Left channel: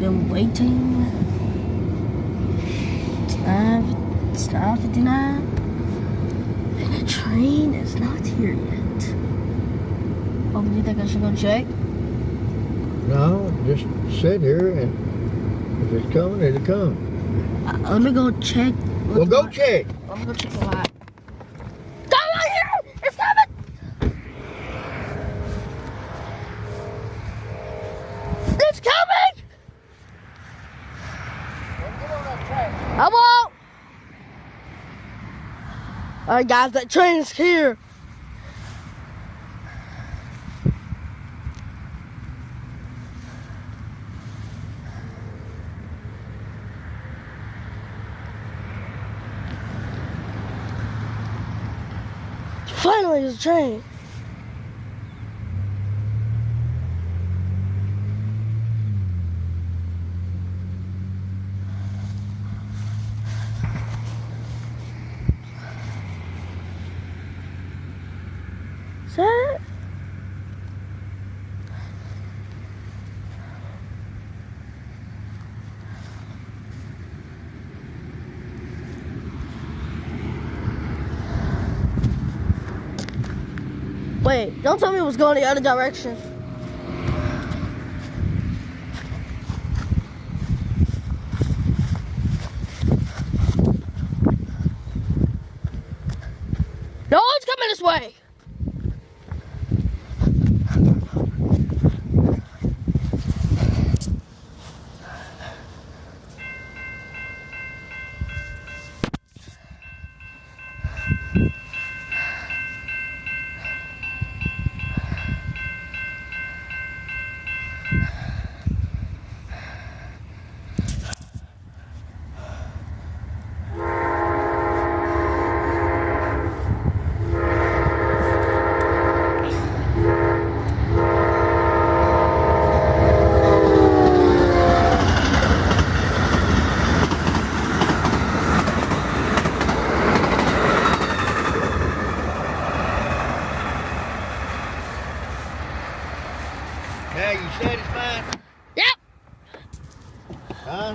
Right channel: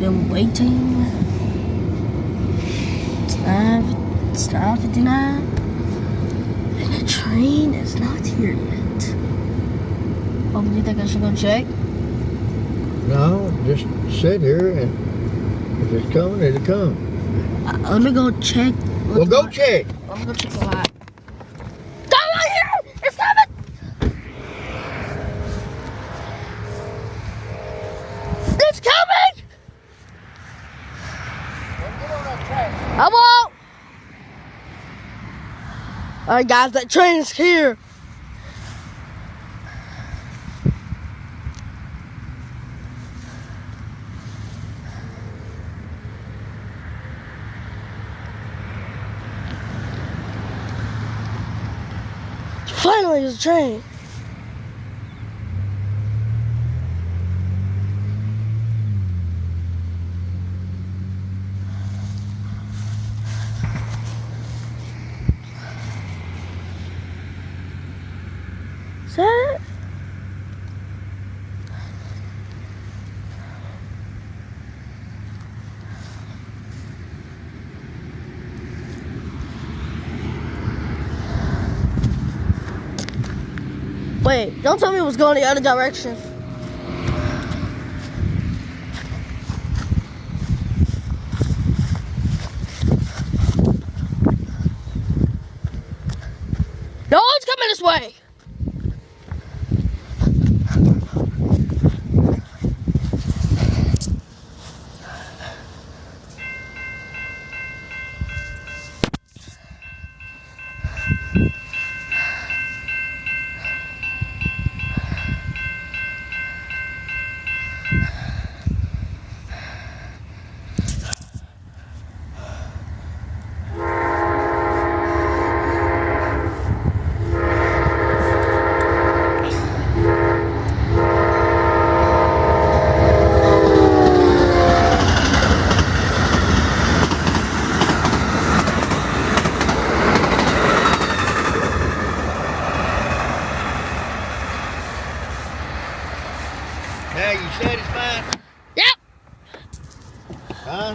Been waiting. It's 9:59. And the train is not here yet. Oh, do you think I should go check? No, just sit here and if it's coming, it'll come. Let me go check. Well, go check. I'm gonna go check the lot. Come right here! It's coming! It's coming! I won't! Alright guys, that train is here. Finally, there's a train. Is that it? Wait, don't tell me it was going the other direction. No, it's coming this way. Now you satisfied? Yep. Huh?